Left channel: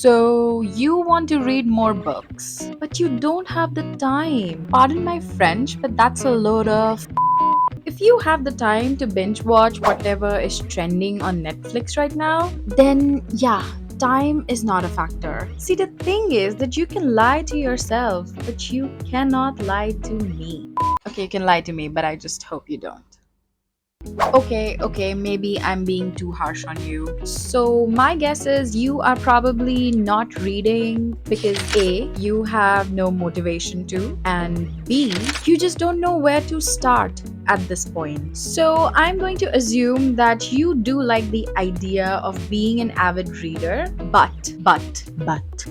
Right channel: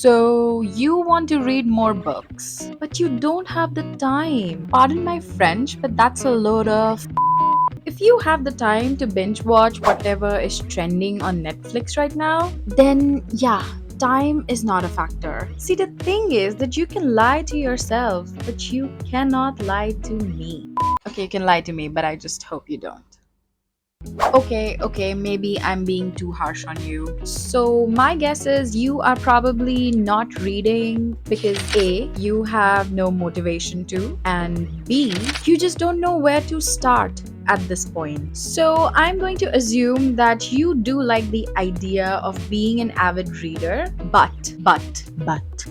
So, you want to read more books, but you don't have the time. Pardon my French, but that's a load of. If you have the time to binge watch whatever is trending on Netflix right now, then yeah, time is not a factor. See, the thing is that you can lie to yourself, but you cannot lie to me. Okay, you can lie to me, but I just hope you don't. Okay, maybe I'm being too harsh on you. So, my guess is you are probably not reading because A, you have no motivation to, and B, you just don't know where to start at this point. So, I'm going to assume that you do like the idea of being an avid reader, but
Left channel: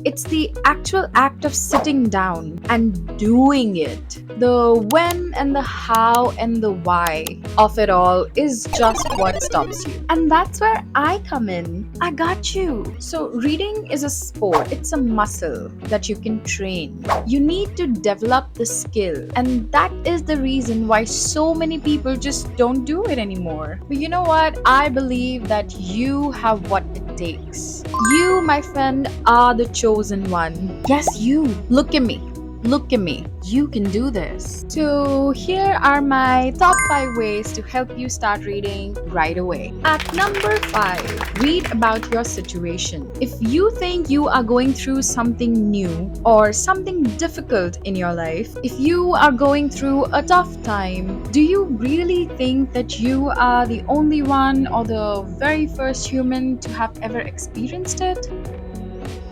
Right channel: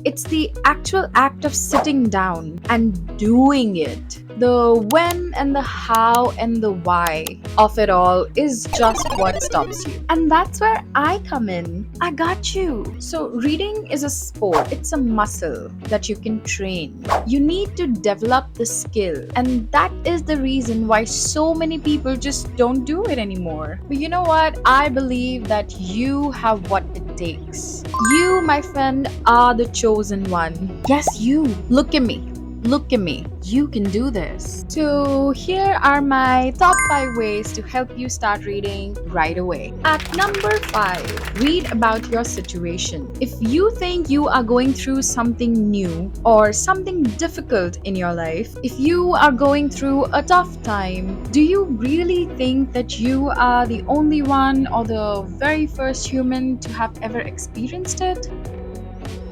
it's the actual act of sitting down and doing it. The when and the how and the why of it all is just what stops you. And that's where I come in. I got you. So, reading is a sport, it's a muscle that you can train. You need to develop the skill, and that is the reason why so many people just don't do it anymore. But you know what? I believe that you have what it takes. You, my friend, are the chosen one. Yes, you. Look at me. Look at me. You can do this. So, here are my top 5 ways to help you start reading right away. At number 5, read about your situation. If you think you are going through something new or something difficult in your life, if you are going through a tough time, do you really think that you are the only one or the very first human to have ever experienced it?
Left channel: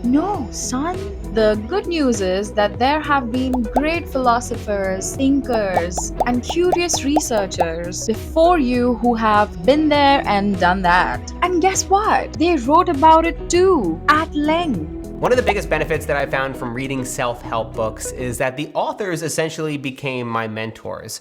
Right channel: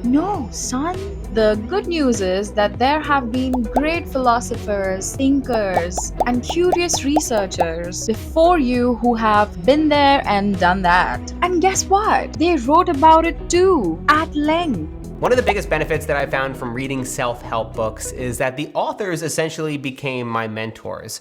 No, son. The good news is that there have been great philosophers, thinkers, and curious researchers before you who have been there and done that. And guess what? They wrote about it too, at length. One of the biggest benefits that I found from reading self-help books is that the authors essentially became my mentors.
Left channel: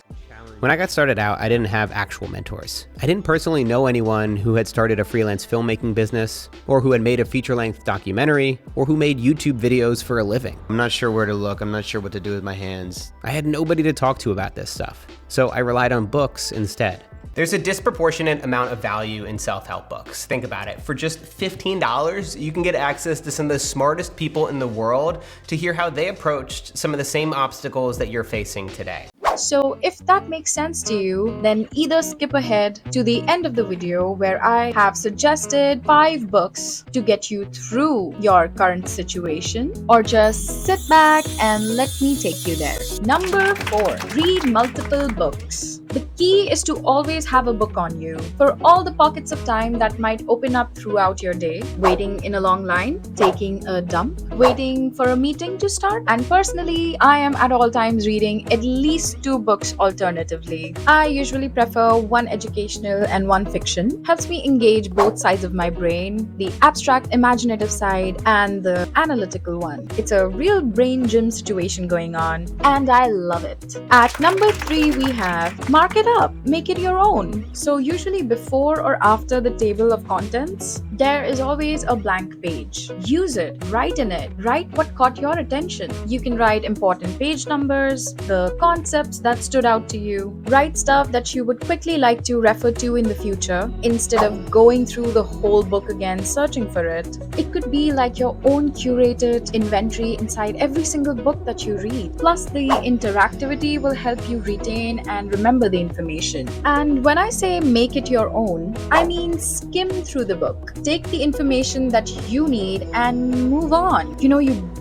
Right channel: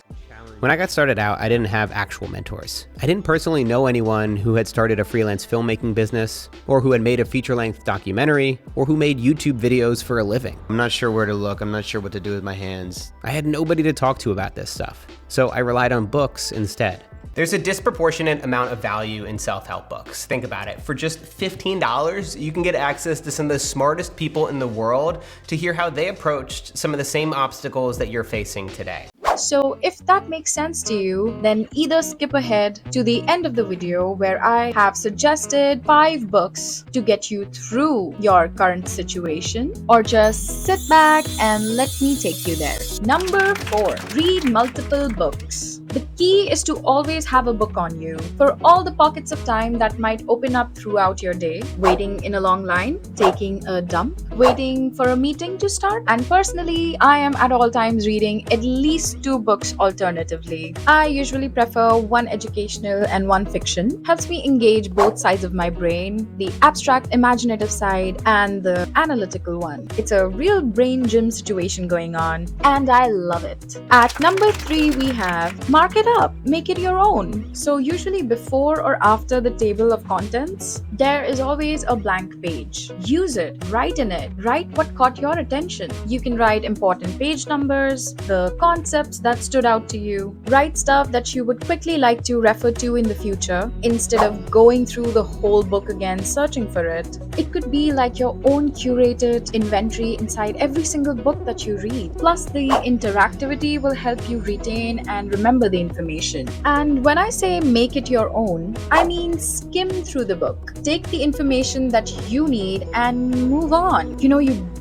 When I got started out, I didn't have actual mentors. I didn't personally know anyone who had started a freelance filmmaking business, or who had made a feature-length documentary, or who made YouTube videos for a living. I'm not sure where to look, I'm not sure what to do with my hands. I had nobody to talk to about this stuff, so I relied on books instead. There's a disproportionate amount of value in self-help books. Think about it. For just $15, you can get access to some of the smartest people in the world to hear how they approached some of the same obstacles that you're facing today. So, if that makes sense to you, then either skip ahead to the end of the video where I have suggested 5 books to get you through your current situation, or just sit back and let me take you there. Number 4, read multiple books. The key is to always have a book on you for all the pockets of time that might open up throughout your day. Waiting in a long line, taking a dump, waiting for a meeting to start. And personally, I am at all times reading at least 2 books alternatively. I usually prefer one educational and one fiction. Helps me engage both sides of my brain, the abstract imaginative side and the analytical one. It's a real brain gym situation going on, and I love it. At number 3, we have mark it up, make it your own. So usually before or after the table of contents, there is always a blank page. Use it, write in it, write what caught your attention. You can write important page numbers, the concepts that stood out to you, write stuff that you would quickly like to refer to in the future instead of going through the whole book again searching for it. It could be like your own curated inventory inside every single book that you read. Plus, the interactivity will help you retain and remember the information. And when I say make it your own, I mean skim through the book. Take the information that you need and move on. You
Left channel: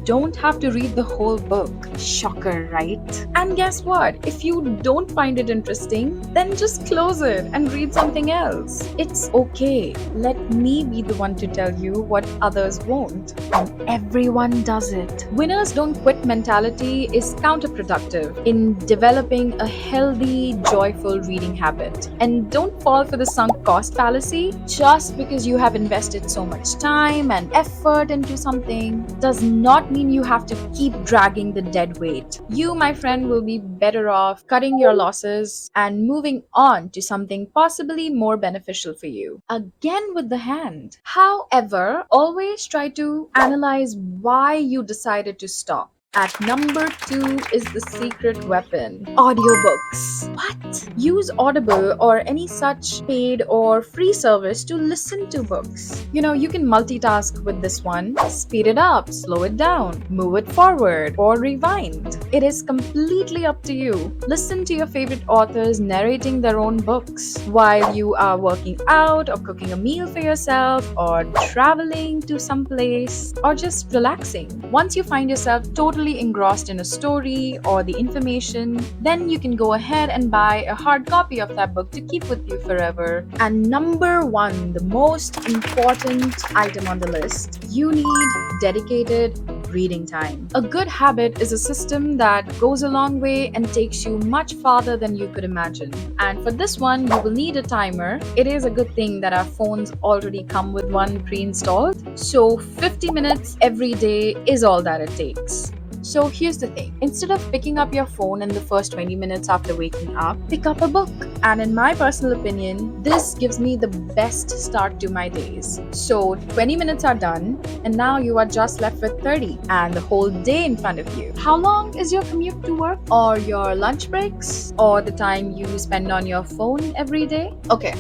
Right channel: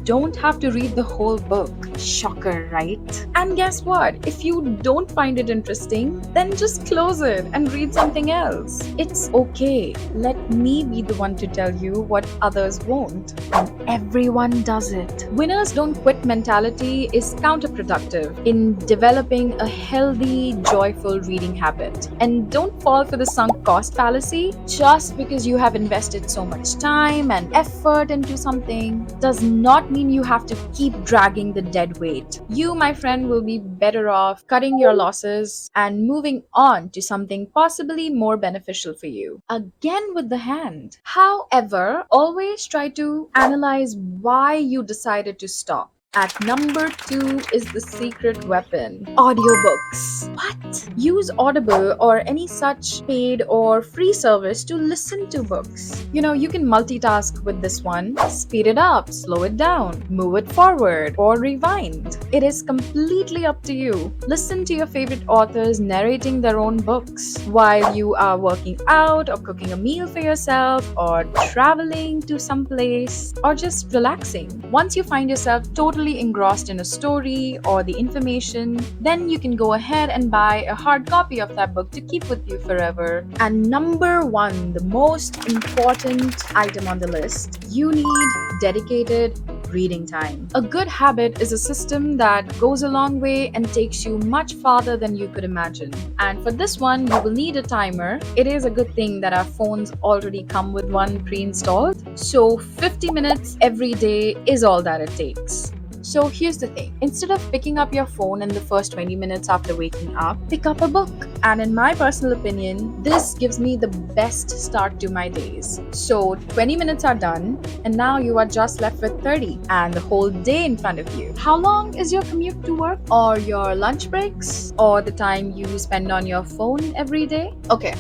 don't have to read the whole book. Shocker, right? And guess what? If you don't find it interesting, then just close it and read something else. It's okay. Let me be the one to tell you what others won't. And everyone does it. Winners don't quit mentality is counterproductive in developing a healthy, joyful reading habit. And don't fall for the sunk cost fallacy. Just because you have invested so much time and effort into something does not mean you have to keep dragging the dead weight. You, my friend, will be better off cutting your losses and moving on to something possibly more beneficial for you. Again with the hand. However, always try to analyze why you decided to stop. At number 2 is the secret weapon, audiobooks. What? Use Audible or any such paid or free service to listen to books. You can multitask with this one. Speed it up, slow it down, move it forward, or rewind. It is completely up to you. Listen to your favorite authors narrating their own books while you are working out or cooking a meal for yourself or traveling to some place or just relaxing. Once you find yourself totally engrossed in a story or the information, then you can go ahead and buy a hard copy of that book to keep with you forever. And number 1, the most important item on the list, you need dedicated reading time. A good habit is a system that goes a long way and takes you much farther than you could imagine. And for this one, you will need a timer. It is a good thing that our phones already come with one pre-installed. So 50 minutes every day is all that it takes. So here's the thing. Instead of picking up your phone in the first 20 minutes after waking up, pick up a book. And in my personal opinion, this gives me the best start to my days. So 20 minutes are done, and now you are just left with 30 and the whole day in front of you. How long is your commute to work, or your lunch breaks, or the time you spend on your phone every day? Okay.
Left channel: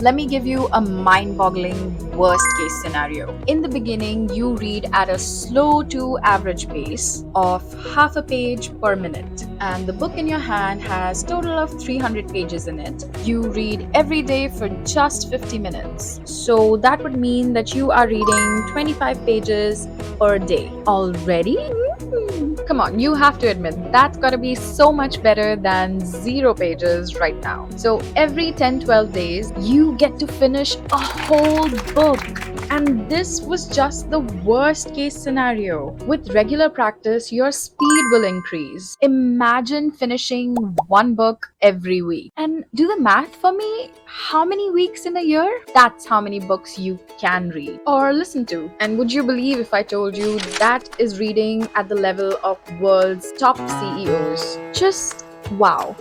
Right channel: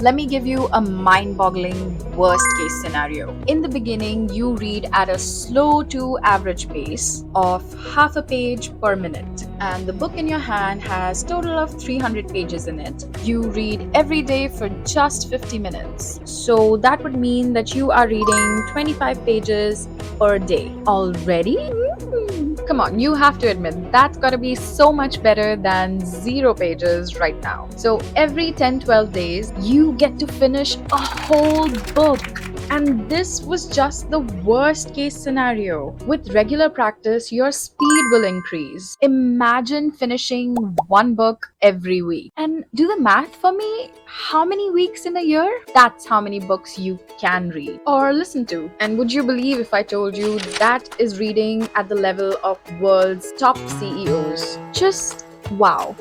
Let me give you a mind-boggling worst case scenario. In the beginning, you read at a slow to average pace of half a page per minute, and the book in your hand has total of 300 pages in it. You read every day for just 50 minutes. So that would mean that you are reading 25 pages per day. Already? Come on, you have to admit that's gotta be so much better than 0 pages right now. So every 10-12 days, you get to finish a whole book. And this was just the worst case scenario. With regular practice, your speed will increase. Imagine finishing one book every week. For me, how many weeks in a year? That's how many books you can read or listen to. And would you believe if I told you that is reading at the level of world's top CEOs? Just wow.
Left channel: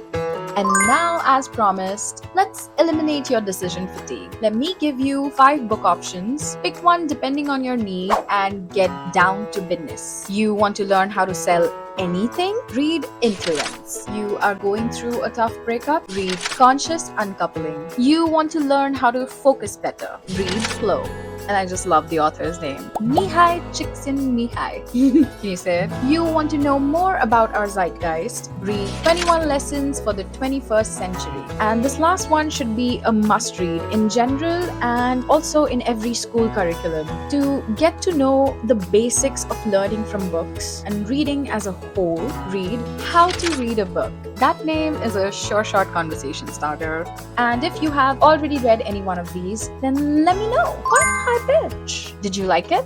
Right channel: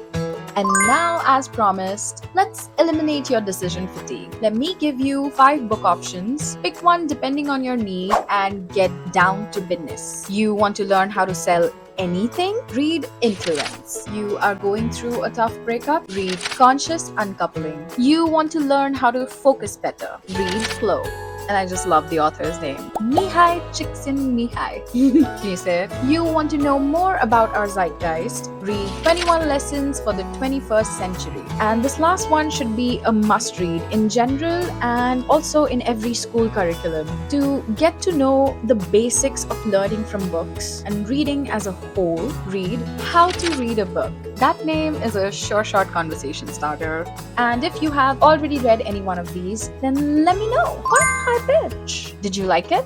And now, as promised, let's eliminate your decision fatigue. Let me give you 5 book options. Pick one depending on your need and get down to business. You want to learn how to sell anything? Read Influence. You are going through a tough breakup? Read Conscious Uncoupling. You want to learn how to focus better? Read Flow. And I just love the author's name, Mihai Csikszentmihalyi. He said, you want to know more about our zeitgeist? Read 21 Lessons for the 21st Century. And this last one should be a must read in general and also in every school curriculum. To get to know the basics of learning from books and reading as a whole, read How to Read a Book. That name is a short conversation starter. And if you have already read any one of these, then let me know. What high pitch? Did you like it?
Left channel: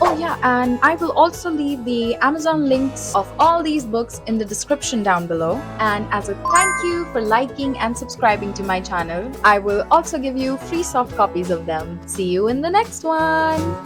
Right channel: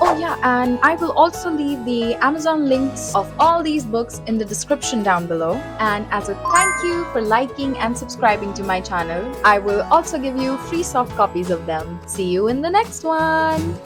Oh yeah, and I will also leave the Amazon links of all these books in the description down below. And as a thank you for liking and subscribing to my channel, I will also give you free soft copies of them. See you in the next one.